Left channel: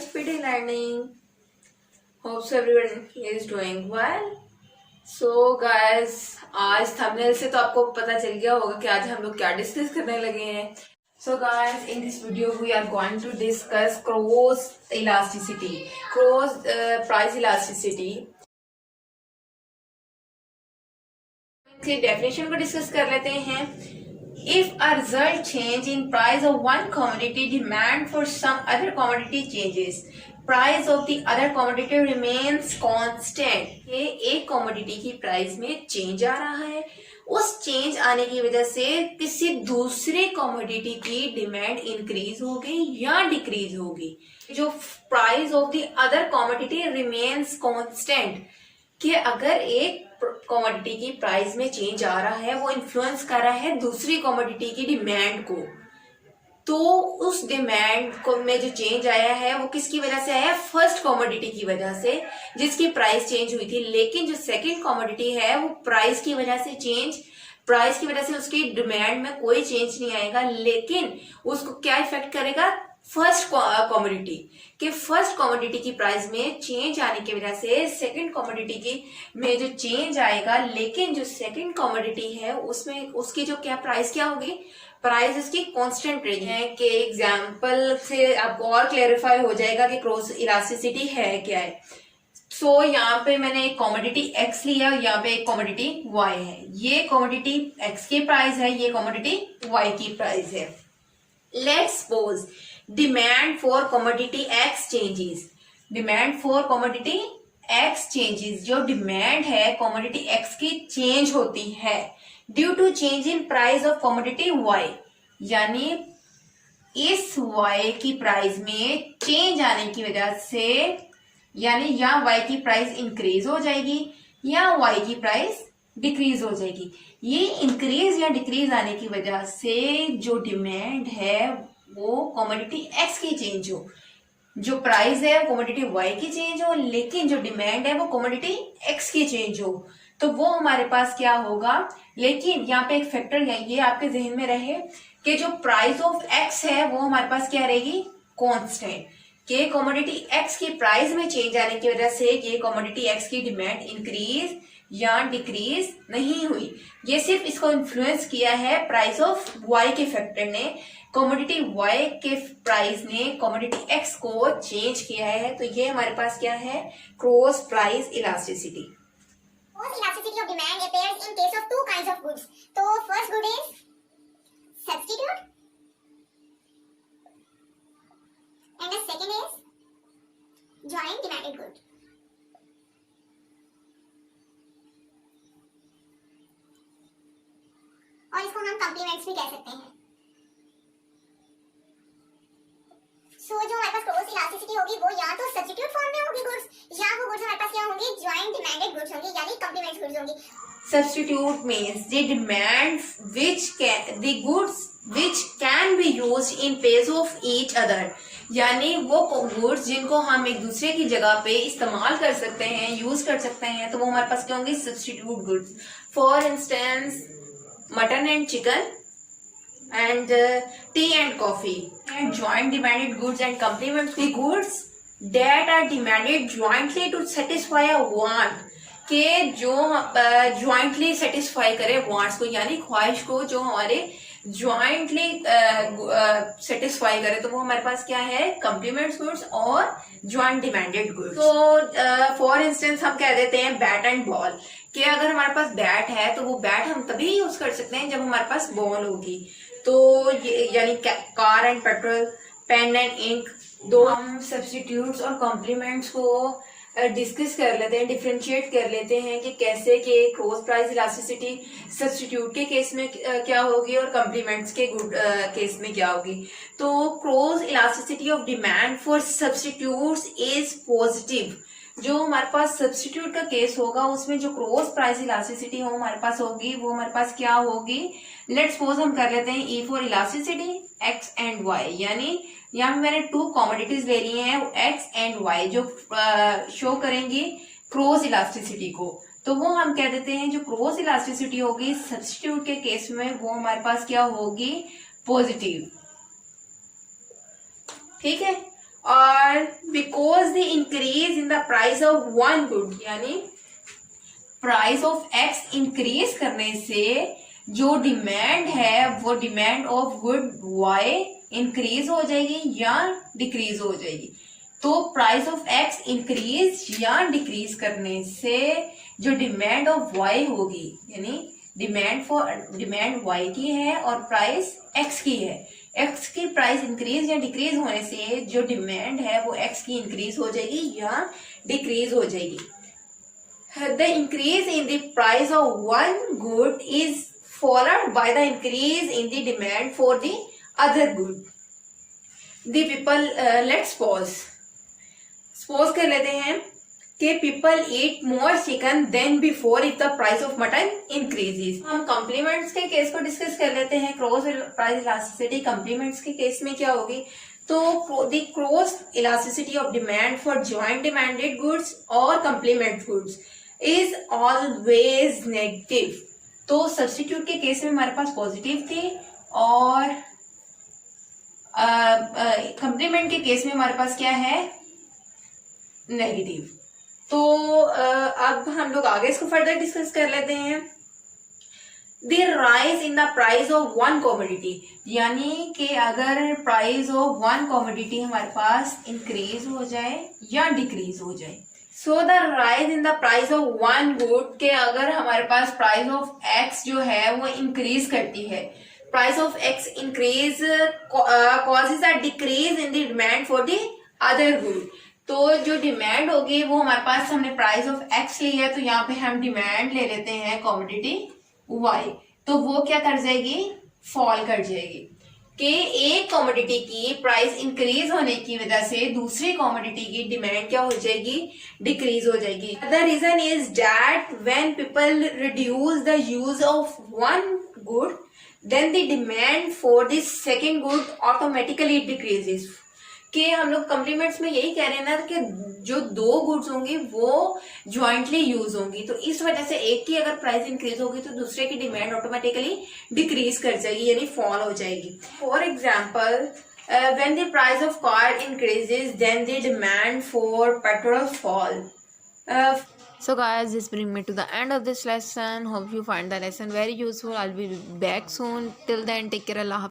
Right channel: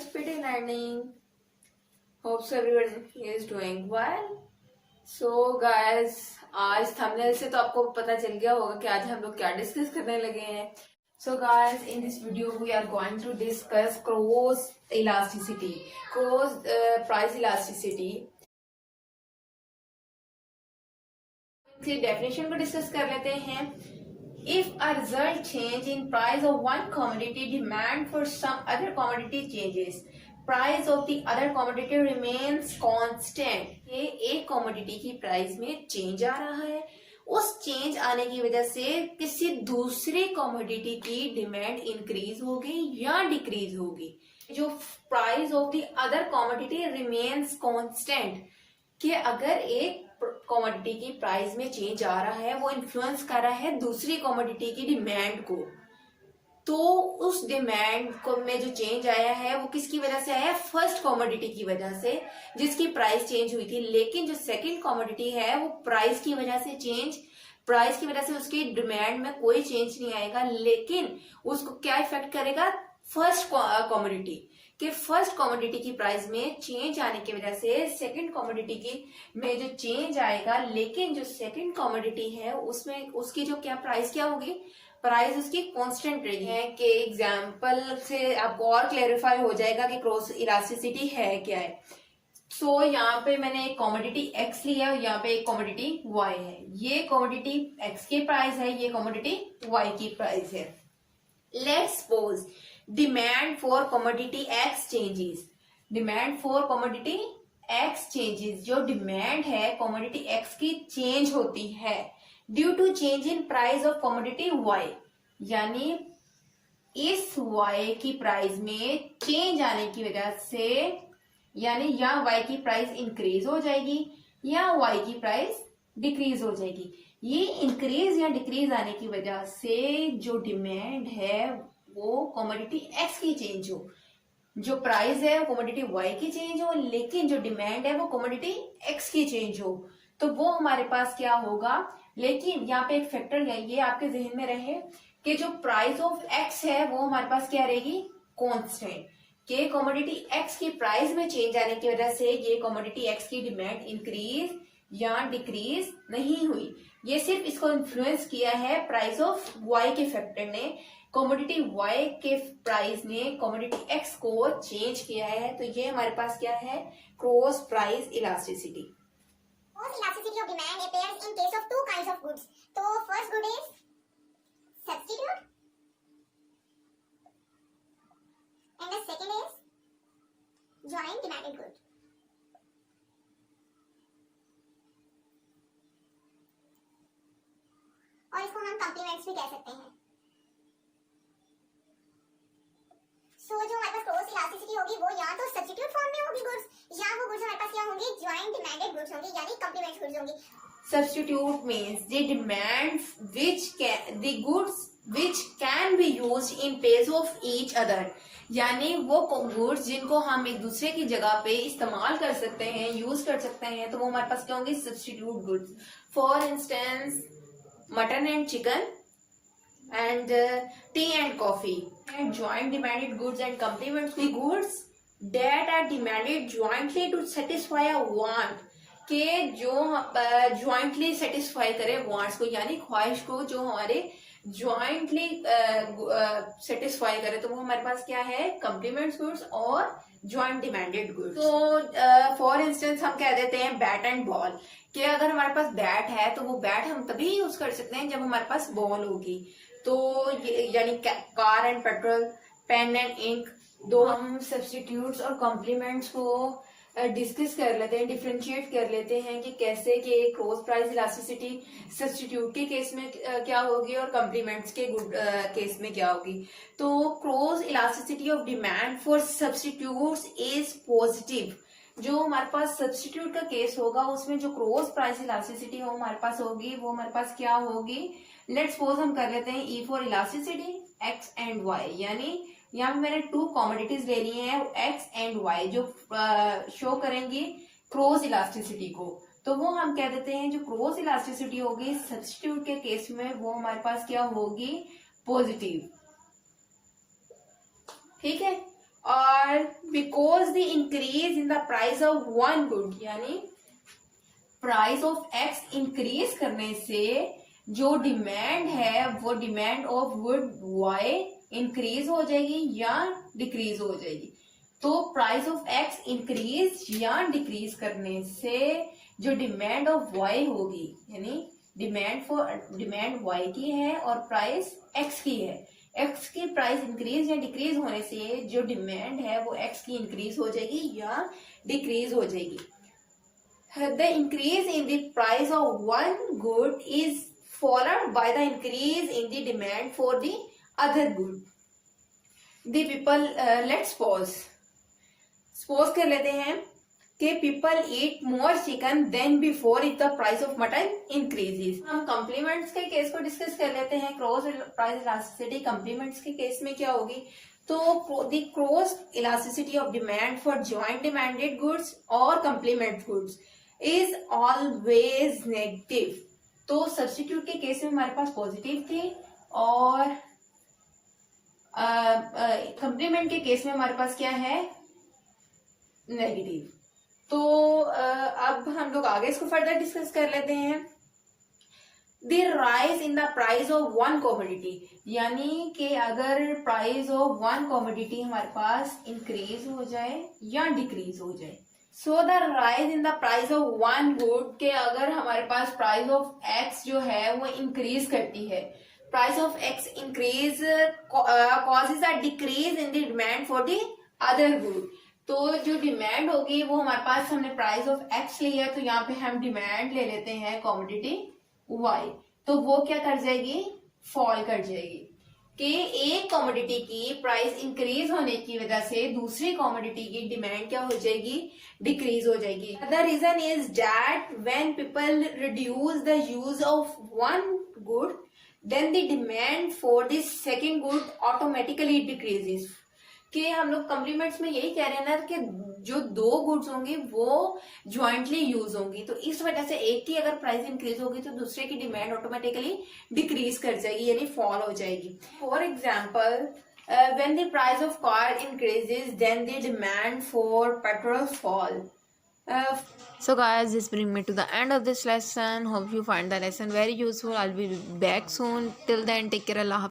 Speedy Learning. Hopes everyone is doing well. So guys, आज thumbnail से तो आपको पता चल गया होगा कि आज हम लोग क्या डिस्कस करने लगे हैं. So guys, in this video we are going to discuss cross elasticity, price elasticity. इसकी डेफिनेशन को डिस्कस कर लेते हैं. If a result change in price of one commodity, demand for some other commodity changes, price of the other commodity remains constant. ये एक commodity की price में change आ रहा है, उस change आने की वजह से किसी दूसरे commodity की demand increase होगी या decrease होगी. जो price of the other commodity remains constant, कि अगर एक कमोडिटी की प्राइस में चेंज आ रहा है, वो इन्फ्लुएंस कर रहा है दूसरी कमोडिटी की डिमांड को, तो उस डिमांड को में जो चेंज आया है वो किसकी वजह से आया? फर्स्ट कमोडिटी की वजह से, जिसकी प्राइस चेंज हुई थी. लेकिन जो सेकंड कमोडिटी है वो प्राइस की वजह से उसकी डिमांड में कोई चेंज नहीं आएगा, लेकिन उसको क्या इफेक्ट करेगा? फर्स्ट कमोडिटी के फर्स्ट कमोडिटी की प्राइस में चेंज आने की वजह से सेकंड कमोडिटी की में जो चेंज आएगा, लेकिन जो सेकंड कमोडिटी है उसमें उसकी जो प्राइस क्या होगी? प्राइस उसकी कांस्टेंट रहेगी. कि एग्जांपल से आपको और क्लैरिफाई हो जाएगा कि क्रॉस इलास्टिसिटी है क्या है. सो यहाँ पे मैंने एक कमोडिटी एक्स लिया, यहाँ पे एक कमोडिटी वाई है. ये कमोडिटी एक्स की प्राइस है, ये कमोडिटी वाई की प्राइस है. Let's suppose demand for commodity X changes. Demand for commodity X changes, जो डिमांड है कमोडिटी एक्स की चेंज होती है due to change in price of commodity Y. यानी इस वाई की प्राइस में चेंज आने की वजह से, यानी या वाई की प्राइस इंक्रीज हो जाएगी या वाई की प्राइस डिक्रीज हो जाएगी. ये इंक्रीज या डिक्रीज आने की वजह से जो डिमांड है वो कमोडिटी एक्स की चेंज हो, जो प्राइस है वो कमोडिटी वाई की चेंज हो, लेकिन जो डिमांड है वो कमोडिटी एक्स की चेंज हो, तो वो हमारे पास क्या होगा? लेकिन यहाँ पे एक फैक्टर ये आपके जहन में रहे कि जो प्राइस ऑफ एक्स है वो हमारे पास क्या रहेगी? कांस्टेंट. कि कमोडिटी एक्स की प्राइस में चेंज आने की वजह से ये कमोडिटी एक्स की डिमांड इंक्रीज या डिक्रीज नहीं हुई. ये सिर्फ इसको इन्फ्लुएंस किया है प्राइस ऑफ वाई के फैक्टर ने. कमोडिटी वाई के प्राइस ने कमोडिटी एक्स को चेंज किया है. तो ये हमारे पास क्या है? Cross price elasticity. Cross elasticity of demand appears in case of two kinds of goods. So first good is substitute and the second is joint demanded good. और इसको हम कॉम्प्लीमेंट्स भी कह सकते हैं. सो जो हमारे पास क्रॉस इलास्टिसिटी होगी वो या तो सब्स्टिट्यूट फॉर्म में होगी गुड्स, या वो गुड्स हमारे पास क्या होंगे? जॉइंट डिमांडेड गुड्स होंगे, यानी कॉम्प्लीमेंट्स गुड्स होंगी. Substitute means the demand the goods which can be used in place of each other. यानी वो गुड्स जिनको हम एक दूसरे की जगह पे इस्तेमाल कर सकते हैं, यूज कर सकते हैं, तो वो हमारे पास क्या होंगे? Substitute goods. For instance mutton and chicken and tea and coffee. And joint demanded goods and complements the goods that are demanded jointly to satisfy a want. के जो jointly satisfy करे wants को, यानी ख्वाहिश को जो हमारे jointly satisfy करे, तो वो हमारे पास क्या है? complements goods और joint demanded goods. तो for instance हम कह देते हैं बैट एंड बॉल, कि अगर हमारे पास बैट है तो वो बैट हम तभी यूज कर सकते हैं जब हमारे पास बॉल होगी. तो यानी car and petrol, pen and ink, दो हम सब्स्टिट्यूट्स और कॉम्प्लीमेंट्स को डिस्कस कर लेते हैं, डिफरेंशिएट कर लेते हैं कि कैसे कि क्रॉस प्राइस इलास्टिसिटी सब्स्टिट्यूट के केस में क्या होगी और कॉम्प्लीमेंट्स के केस में क्या होगी. तो cross elasticity of demand for substitutes is positive. जो हमारे पास सब्स्टिट्यूट का केस होगा उसमें जो क्रॉस प्राइस इलास्टिसिटी हो हमारे पास होगी, वो हमारे पास क्या होगी? लेट्स सपोज हम कर लेते हैं E for elasticity X and Y. यानी यहाँ पे मैंने टू कमोडिटीज ले ली हैं एक्स एंड वाई, जो शो करेंगी क्रॉस इलास्टिसिटी को. तो वो हम कह देते हैं जो क्रॉस इलास्टिसिटी होगी सब्स्टिट्यूट के केस में वो हमारे पास क्या होगी? पॉजिटिव. ठीक है. और because the increase in the price of one good, यानी प्राइस ऑफ एक्स इंक्रीज करने से जो डिमांड है वो demand of good Y increase हो जाएगी या डिक्रीज हो जाएगी। तो प्राइस ऑफ एक्स इंक्रीज या डिक्रीज करने से जो डिमांड ऑफ वाई होगी, यानी डिमांड वाई की है और प्राइस एक्स की है, एक्स की प्राइस इंक्रीज या डिक्रीज होने से जो डिमांड है वो एक्स की इंक्रीज हो जाएगी या डिक्रीज हो जाएगी। The increase in the price of one good is followed by the increase in the demand for the other good. The people, let's suppose कर लेते हैं कि people eat more chicken than before if the price of mutton increases. हम complements के case को discuss कर लेते हैं। क्रॉस प्राइस इलास्टिसिटी complements के केस में क्या होगी, तो the cross elasticity of demand for joint demanded goods or complement goods is always negative. तो सब्स्टिट्यूट के केस में हमारे पास पॉजिटिव थी और कंप्लीमेंट के केस में हमारे पास क्या है, नेगेटिव। तो अब हम लोग आगे इसको फर्दर डिस्कस कर लेते हैं। The rise in the price of one commodity, यानी कि अगर प्राइस ऑफ वन कॉमोडिटी हमारे पास इंक्रीज हो जाए या डिक्रीज हो जाए। So the rise in the price of one good के अगर हमारे पास प्राइस ऑफ एक्स जो है वो इंक्रीज करती है, price of X increase causes a decrease in the demand for the other good. तो जो डिमांड होगी वो हमारे पास, हमने प्राइस ऑफ एक्स ली है तो यहाँ पे हम डिमांड ले लेते हैं कॉमोडिटी वाई, तो वो क्या कर जाएगी, फॉल कर जाएगी कि एक कॉमोडिटी की प्राइस इंक्रीज होने की वजह से दूसरी कॉमोडिटी की डिमांड क्या हो जाएगी, डिक्रीज हो जाएगी। The reason is that when people reduce the use of one good then the demand for the second good automatically decreases. कि हम लोग कॉम्प्लीमेंट्स में यही कह रहे हैं ना कि जो दो गुड्स होंगी वो ज्वाइंटली यूज होंगी, तो इस वजह से एक की अगर प्राइस इंक्रीज होगी तो दूसरे की डिमांड ऑटोमेटिकली डिक्रीज कर जाएगी, यानी फॉल हो जाएगी। For example, when the price of car increases then the demand for petrol fall. So guys, this brings me to the end of this lesson. Hope you find the lesson very useful. I'll be back soon. Till then, take care. Allah Hafiz.